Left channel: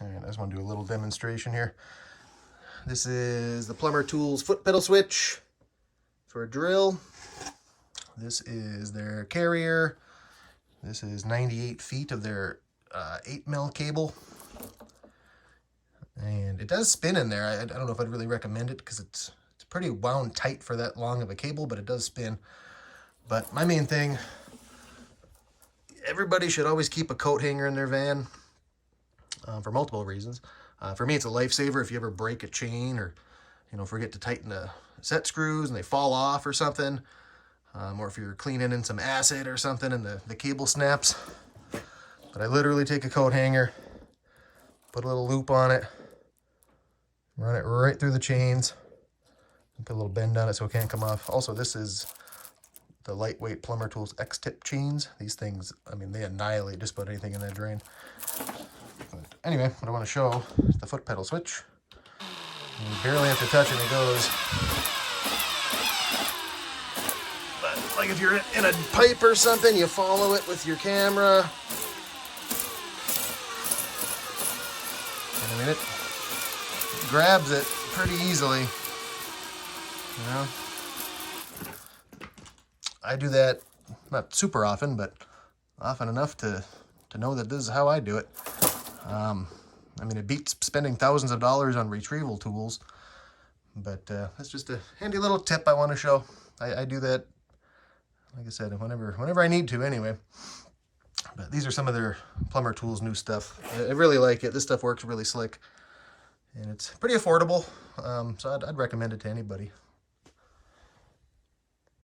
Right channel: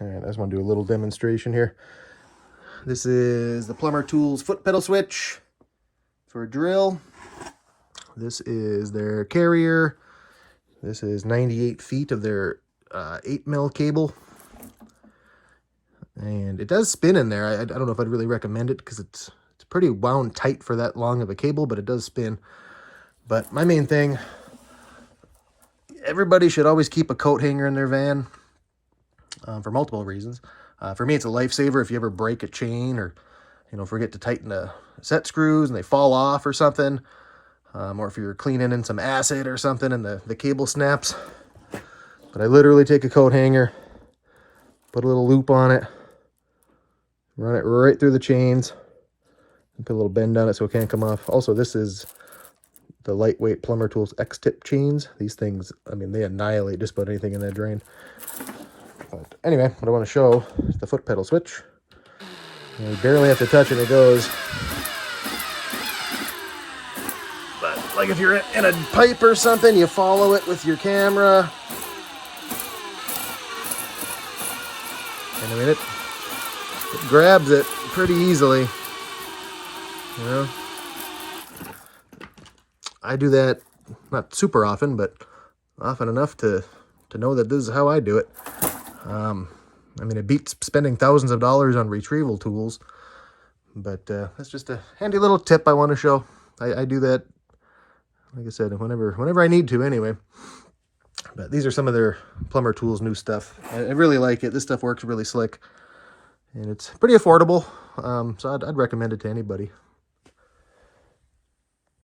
All right, I just want to do a little demonstration here. This is the Plumber Tools foot pedal switch for a drill. This is their carrier. This is 98 feet of their 8mm cable. And it does spin in there. I don't know if I'd really recommend it because it's pretty wound tight for that long of a cable, but it does spin. But my main thing, everybody should always keep a coat hanger in their van for multiple reasons. For me, it's a lifesaver if you ever break a chain or, forget to tighten the set screws and they fall off or something. Or if you're cleaning in some acid or something and the cable snaps. But I literally take a coat hanger, put a little loop on it, run it right through the chains, and put a little bend on it so it can't come off. Also, this is the lightweight Plumber Tools X-tip chains. These things, I mean, they annihilate just about anything in that drain. But anyway, what I want to show is the foot pedal switch. You barely have to touch it, it goes. But like if you're in a pipe or something, you follow it with your camera. And I mean, it grabs it pretty easily. I do that not super often, but often enough to know that this is how I do it. I mean, it beats spending thousands of dollars on retrieval tools, but that's just a handy little tip I want to show. I do that, like I said, whenever I need to anyway. But these are some of their Plumber Tools new stuff. I really like it. This stuff works really slick, and it's pretty affordable, so I'd recommend it to anybody.